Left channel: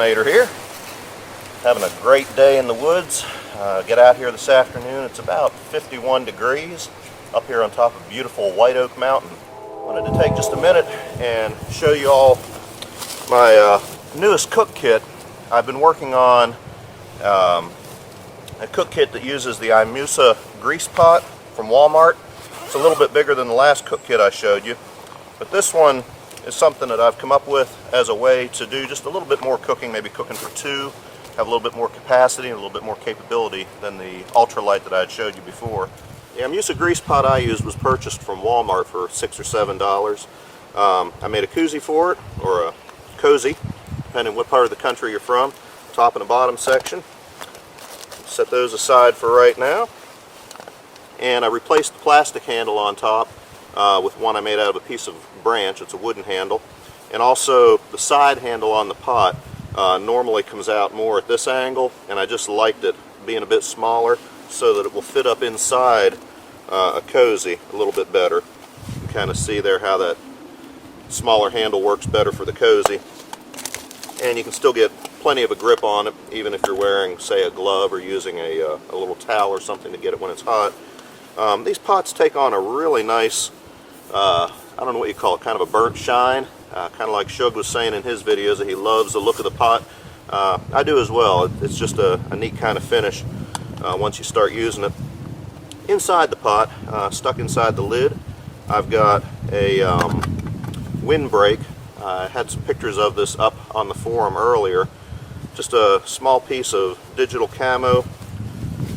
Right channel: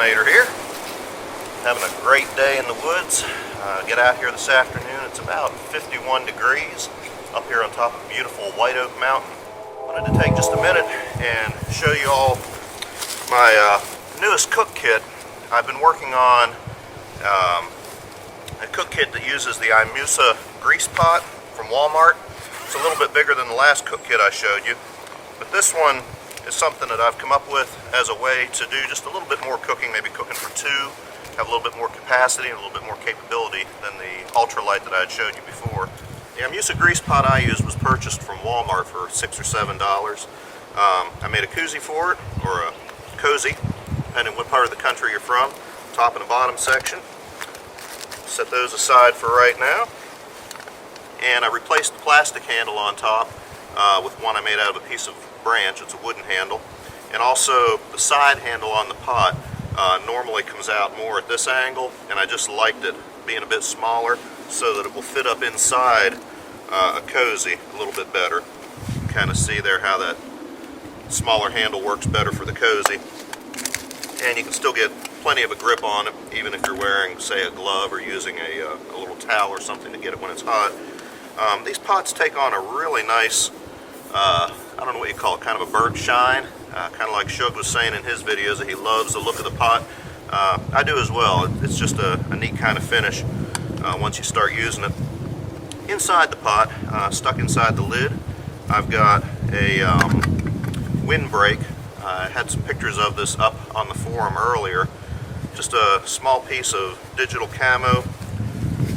Detonator here. Having a great day in the woods. Get out here this afternoon. It's about 51 degrees up here on top of beautiful White Oak Mountain. Wanted to take just a minute and show you all my newest cook kit. I've been working on a cook kit that uses the Imusa grease pot from Wal-Mart. It's a little bit bigger than the last cook kit I showed you, but this one is something that I've come up with as a way to do just a little bit more cooking, maybe cooking for two, have a little bit more capacity and a little bit more capability than the ultralight that I had showed you before. The Imusa grease pot I used was purchased from Walmart for $6 or $7. I made a koozie for it, or a cozy, depending on what part of the country you're from. Top and the bottom section. Set those aside for right now. And I replaced the plastic handle on top with one I made out of a piece of branch. It's a wooden handle. And also the side handle on the pot normally comes out more at this angle, and I just liked it being a bit smaller so that it will fit up inside a cozy a little bit better. You can kind of see there how that smaller handle works better for the cozy, and you can still get plenty of a grip on it even if you're wearing, say, a glove or using a little towel or something to get it when it's hot. These pots take on a really nice, I don't know what you call it, kind of a burnt shine, kind of like Shug was saying in his videos that he loves the look of the pot. I do as well. It's just a neat kind of finish once you start using it. Inside the pot, stuck inside the lid, I've got a windbreak. I had some pictures of this up on the forum earlier. Just a small piece of digital camo,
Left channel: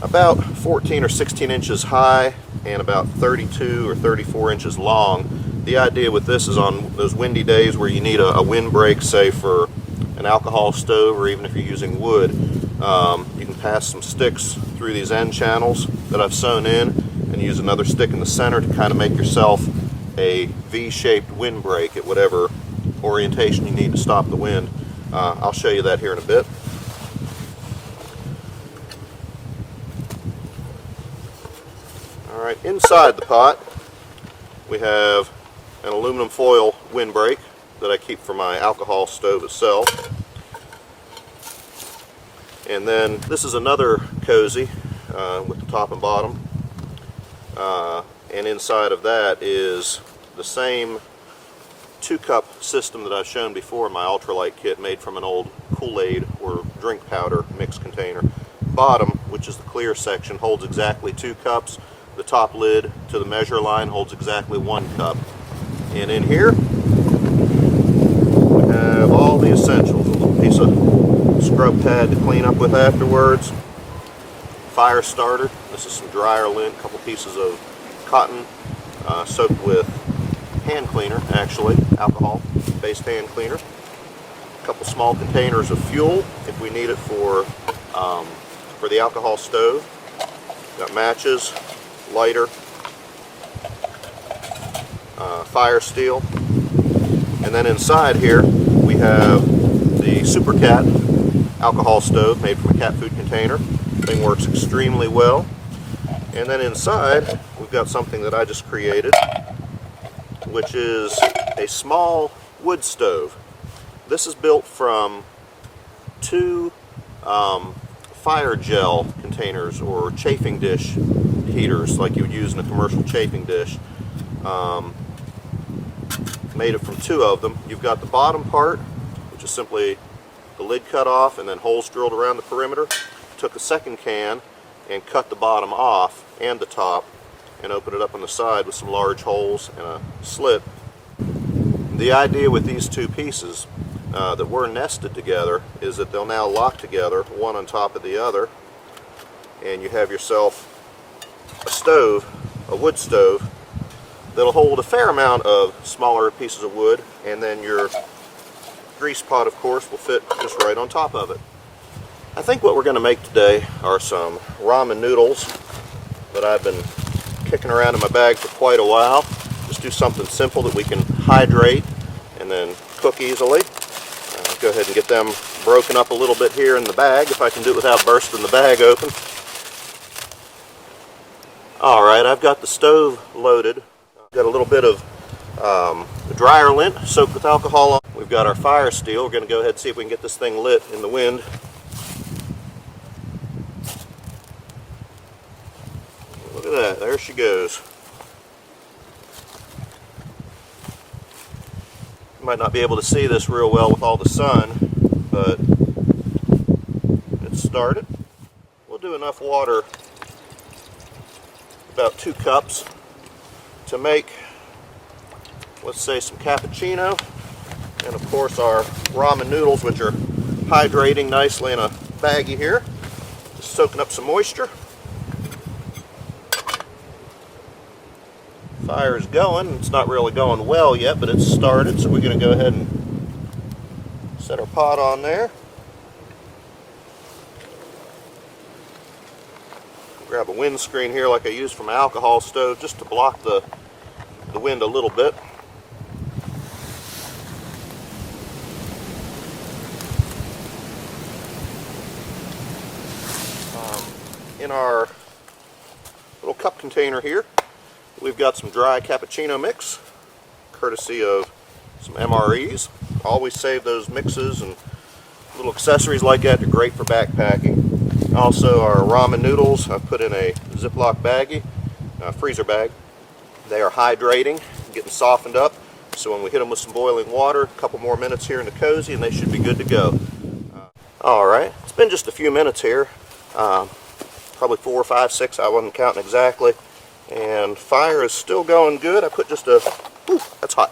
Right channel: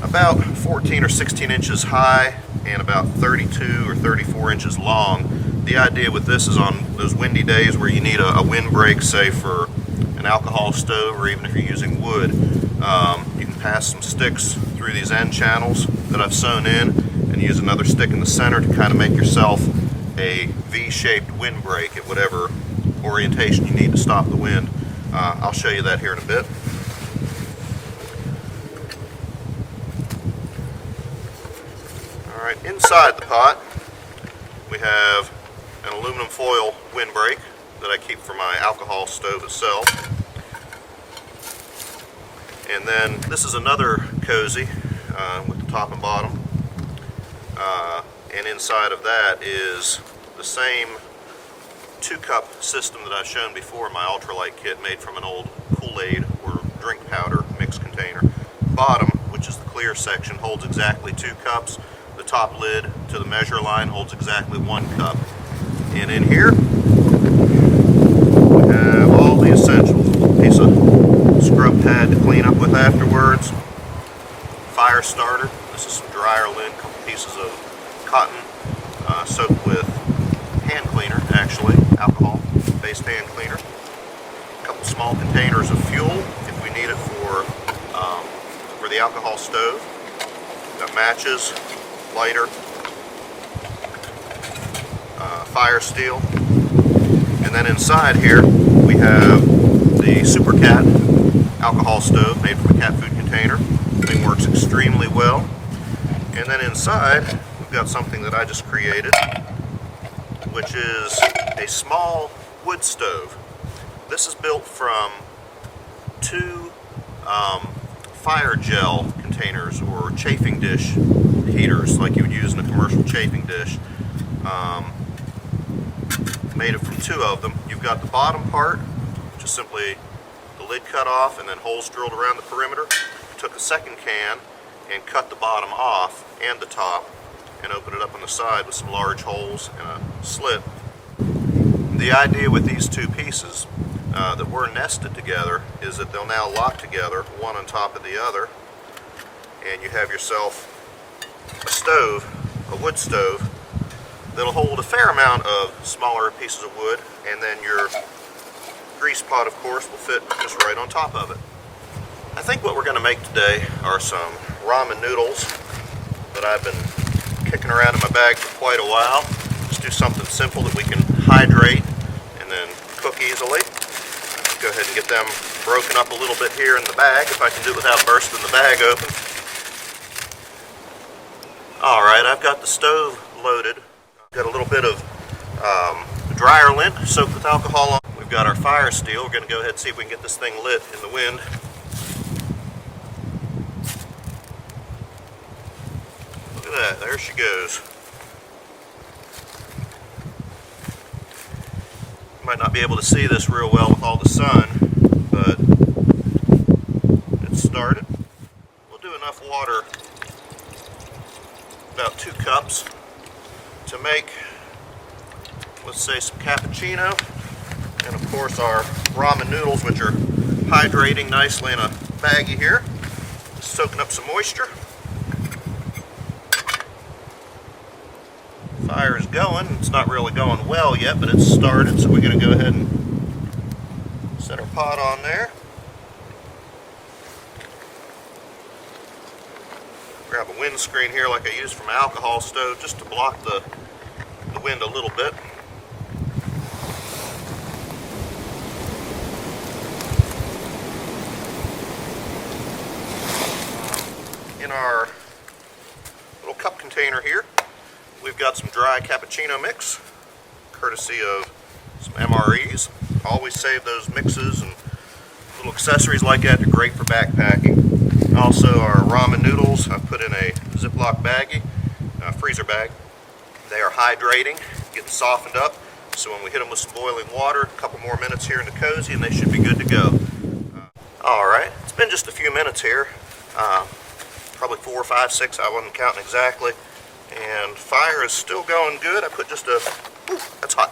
about 14 or 16 inches high and about 32 or 34 inches long. The idea with this is on those windy days where you need a windbreak, say for an alcohol stove or even if you're using wood, you can pass some sticks through these end channels that I've sewn in and use another stick in the center to kind of make yourself a V-shaped windbreak at whatever orientation you need to stop the wind. I'll show you that here in a bit. Alright, inside the pot we have an aluminum foil windbreak that I keep for my alcohol stove itself. And then this is another cozy with the top and bottom. And inside of that is the same 2-cup system that I've shown before in my ultralight kit, made from an old Kool-Aid or drink powder mix container. Bottom, which is the clear section, holds exactly 2 cups. The top lid to the measure line holds exactly 1 cup. And in here we have all the essentials. A little piece of scrub pad to clean up with afterwards. Fire starter. This is some dryer lint. A couple pieces of cotton soaked with hand cleaner, actually, alcohol-based hand cleaner. A couple small containers of fuel if we need it for the alcohol stove. Got matches, lighter, fire steel, and then inside here we have the Super Cat alcohol stove made from a cat food container. Thing works extremely well. And then inside we've got something that I just created, which is a small wood stove. This is built from 2 fire gel containers or chafing dish heaters like you would use in a commercial chafing dish. Made it from 2 of them. You've got the bottom part, which is simply the lid cut off and then holes drilled around the perimeter. Took a second can and cut the bottom off and the top and opened it up on the side with some large holes and a slit. The idea with these 2 pieces that were nested together is that they'll now lock together, one on top of the other, and you have yourself a stove, a wood stove, that'll hold a fair amount of smaller pieces of wood, and then your grease pot, of course, will fit just right on top of it. I think what we're going to make today are some ramen noodles that I've been kicking around in my bag for quite a while. Just do something simple that we can hydrate and then cook easily. Go ahead and get them broken up a little bit here in the bag, if I can do it without bursting the bag open. Alright, I've got the stove loaded. I've got a little bit of the dryer lint soaked with alcohol on. We've got our fire steel. We're going to go ahead and see if we can get this thing lit in the wind. Look at that, there she goes. You might not be able to see this real well with all the sun, but it's started. We'll do enough water, about 2 cups, to make, let's say, some cappuccino, and of course our ramen noodles, which are hydrating nicely in a baggie here, just soaking up some moisture. Fire is going. It's not really going well yet, but it's started, so we're going to go ahead and set our pot on there. Grab a windscreen here like I used from an alcohol stove just to block the wind a little bit. In our little cup container here, we've got some dry cappuccino mix, courtesy of some MREs. Always save those mixes and little accessories like that. They're great for backpacking. Also our ramen noodles, I've put in a Ziploc baggie, freezer bag. They are hydrating, getting softened up. So when we hit them with some boiling water, a couple more minutes here in the cozy, and they should be good to go. Alright, it's been just a few minutes here. Probably 4, 5, 6, I wasn't counting exactly. And fire is still going good. I put just that's hot.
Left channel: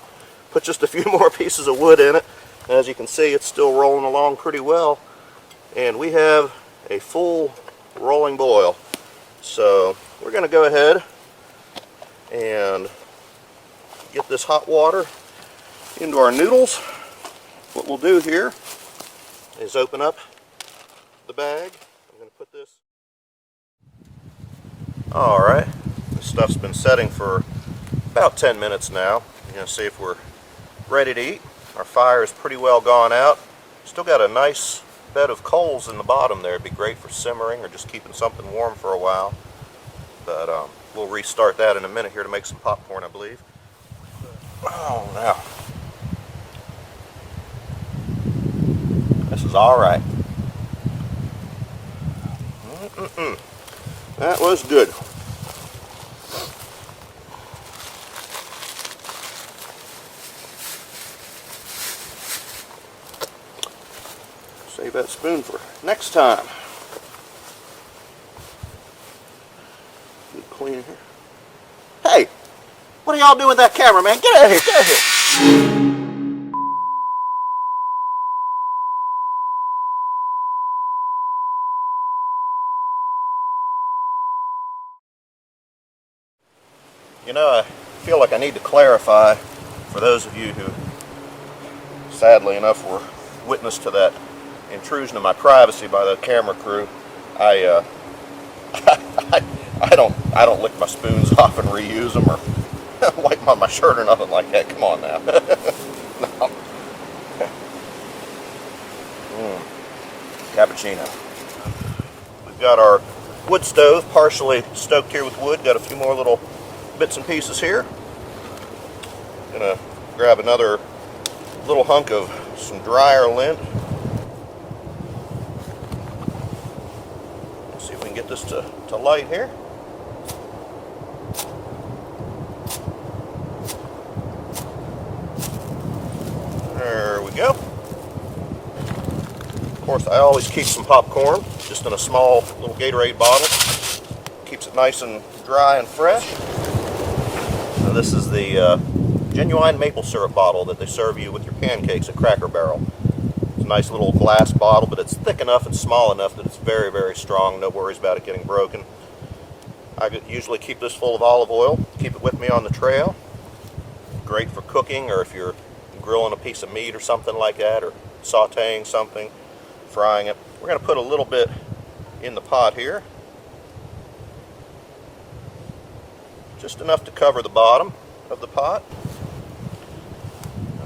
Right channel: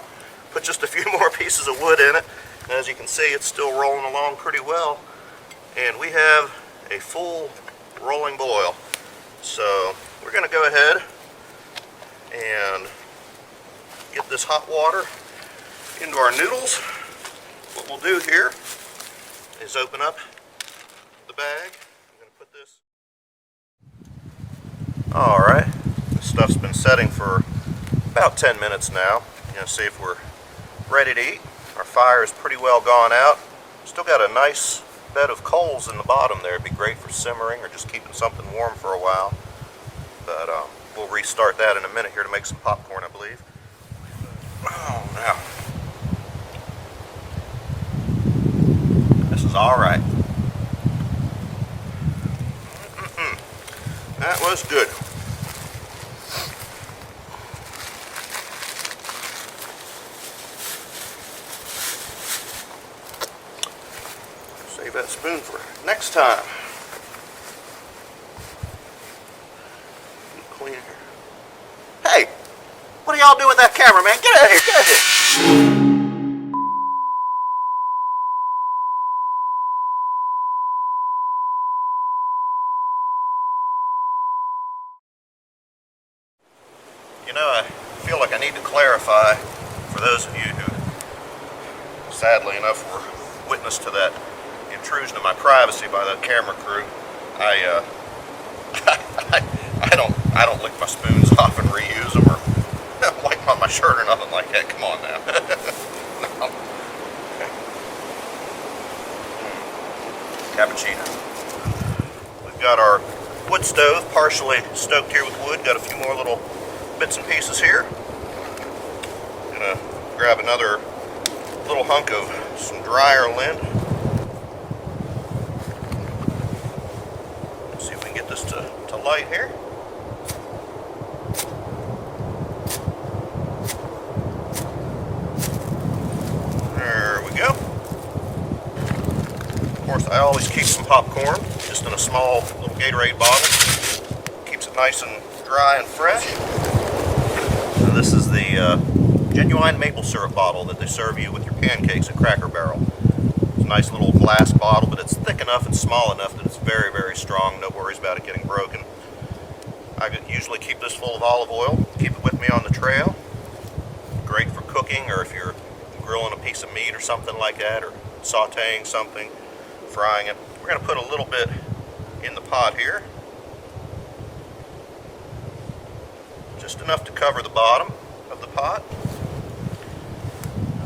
Put just a few more pieces of wood in it. As you can see, it's still rolling along pretty well. And we have a full rolling boil. So we're going to go ahead and get this hot water into our noodles. What we'll do here is open up the bag. I'm going to put this. Alright. This stuff's been setting for about 10 minutes now. You're going to see if we're ready to eat. Our fire is pretty well gone out. Still got a nice bed of coals in the bottom there. It'd be great for simmering or just keeping something warm for a while. But we'll restart that in a minute here to make some popcorn, I believe. Oh, now. This is alright. That was good. Save that spoon for next time. Keep clean here. Hey! What are y'all doing with that camera, man? Get out of here! Get out of here! You know, I feel like I need to clarify for those of you who, sadly enough, were witness to that intrusion of my privacy by the camera crew. I don't lick my spoons off and reuse them or wipe them on my shirt or nothing like that. Come on now. No. Cappuccino. We've got our wood stove partially stoked here with wood. Got a few more little bits and pieces here. Gonna grab another little hunk of some dryer lint. Let's see if we can get this to light here. There we go. Of course, I always keep some popcorn just in a small little Gatorade bottle. Keeps it nice and dry and fresh. So this is the genuine maple syrup bottle that they serve you with your pancakes at Cracker Barrel. It's a nice little glass bottle, but it's thick enough and small enough that it's very, very strong. No worries about it getting broken. I usually keep this full of olive oil. Keep it with me on the trail. Great for cooking, or if you're grilling a piece of meat or something like that, or sauteing something, frying it. We're going to put a little bit in the pot here. Just enough to cover the bottom of the pot.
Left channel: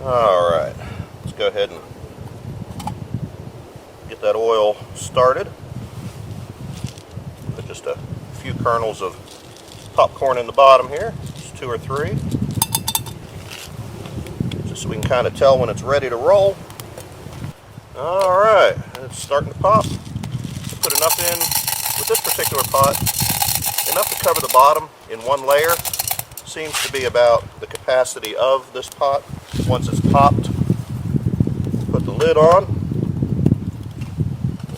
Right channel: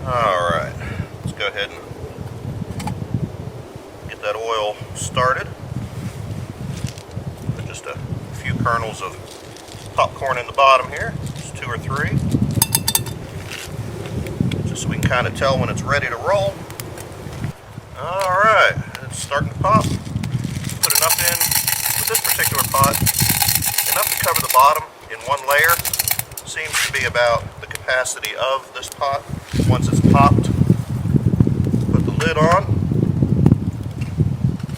Alright, let's go ahead and get that oil started. Put just a few kernels of popcorn in the bottom here, just 2 or 3. kind of tell when it's ready to roll. Alright, it's starting to pop. Put enough in, with this particular pot, enough to cover the bottom in one layer. Seems to be about the capacity of this pot. Once it's popped, put the lid on,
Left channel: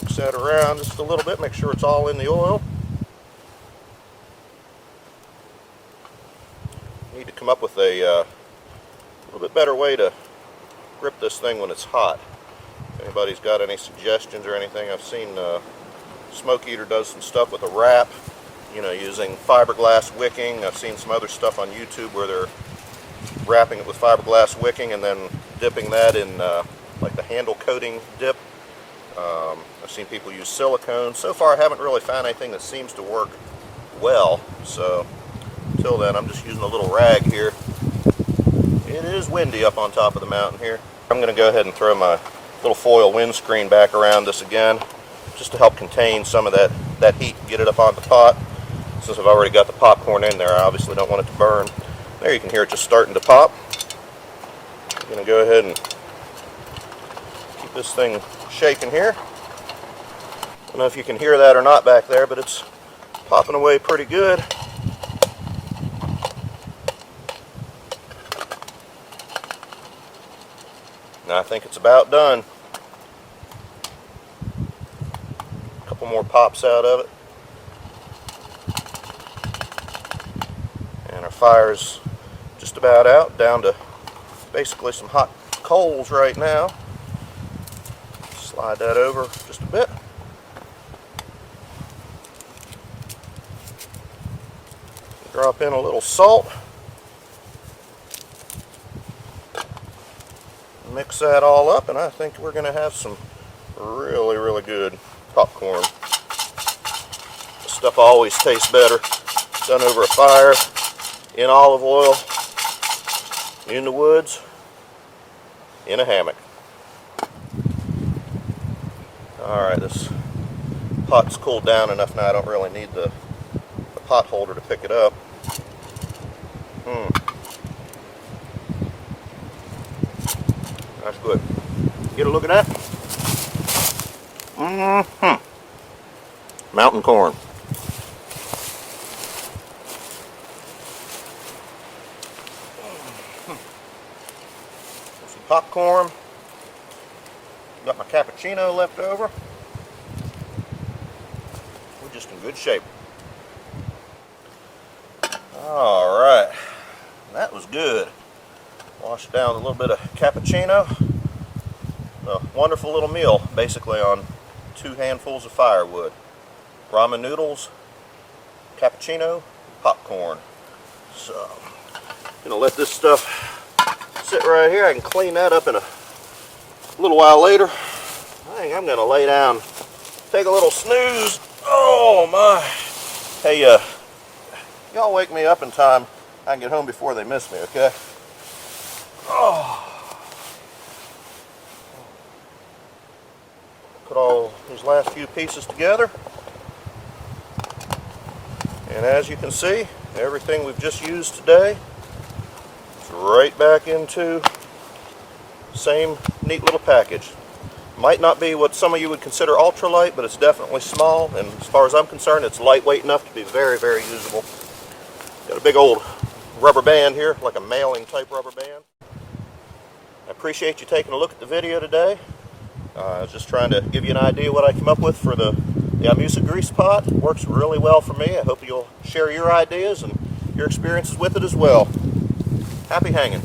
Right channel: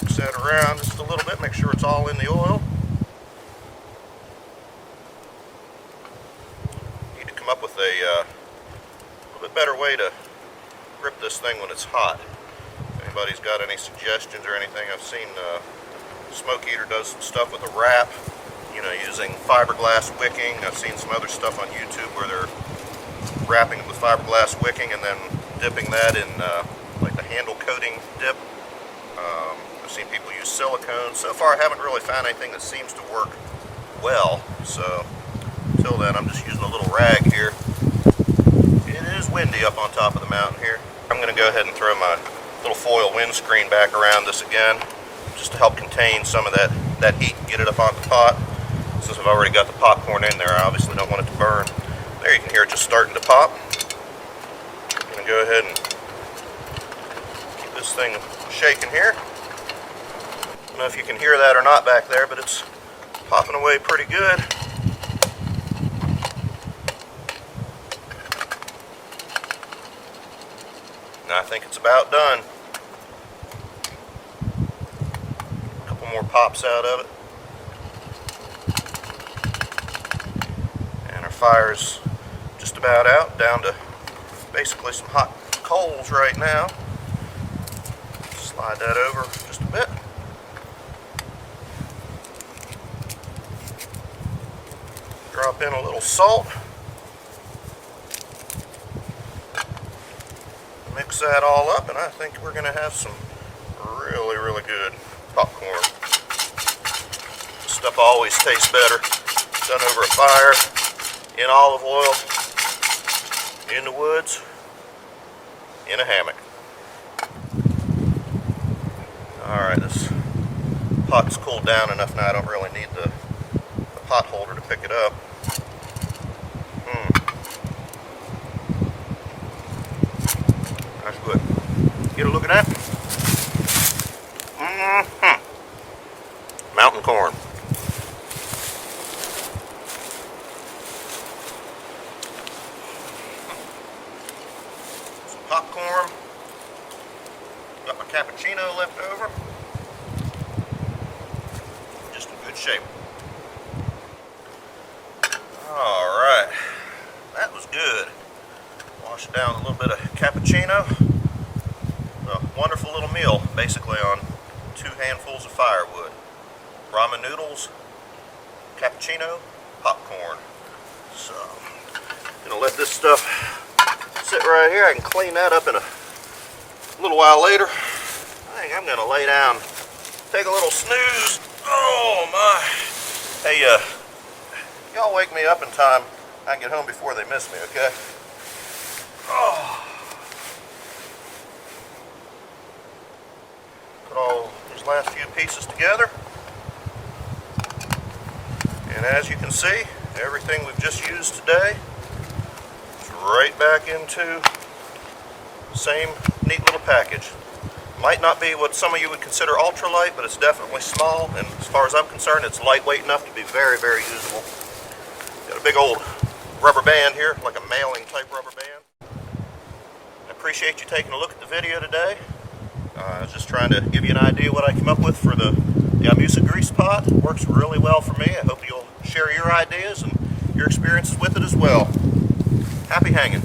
mix that around just a little bit, make sure it's all in the oil. Need to come up with a little bit better way to grip this thing when it's hot. If anybody's got any suggestions or anything, I've seen Smoke Eater does some stuff with a wrap, you know, using fiberglass wicking. I've seen some other stuff on YouTube where they're wrapping it with fiberglass wicking and then dipping that in like the handle coating dip. I've seen people use silicone. So far I haven't really found anything that seems to work well, so until then I'm just using a little rag here. It is windy up on top of the mountain here. I'm going to go ahead and throw my little foil windscreen back around this again, just to help contain some of that heat and get it up on the pot. Since I've already got the popcorn in there, I obviously don't want it to burn. There you can hear it just starting to pop. I'm going to go ahead and keep this thing shaking here. I don't know if you can hear that or not back there, but it's popping away pretty good. Now I think it's about done. A couple more pops out of it. And our fire's just about out, down to basically some hot coals right now. Slide that over just a bit. Drop in a little salt. Mix that all up, and I think we're going to have some really, really good popcorn. This stuff always tastes better done over a fire, in olive oil, in the woods, in a hammock. Alright, this pot's cooled down enough now I don't really need the pot holder to pick it up. That's good. Get a look at that. Mountain corn. Some popcorn. Got my cappuccino left over. We're just in good shape. Alright. That was good. Wash down a little bit of cappuccino. A wonderful little meal, basically on 2 handfuls of firewood. Ramen noodles, cappuccino, popcorn. So, I'm gonna let this stuff sit right here. I can clean that up in a little while later. I think I'm gonna lay down, take a little snooze. Oh my! Hey, y'all wake me up in time. I can get home before they miss me, okay? Oh. Put all these last few pieces together. And as you can see, everything we've just used today is right back into the same neat little package. Might not be what some of you would consider ultralight, but it's definitely small, and as far as I'm concerned, it's lightweight enough to be very, very usable. Got a big old rubber band here, like a mailing type rubber band. I appreciate you taking a look at the video today. I was just trying to give you an idea what I came up with for the Imusa grease pot. It works really well for me. I hope you'll share your ideas and your experiences with it as well. Happy hanging.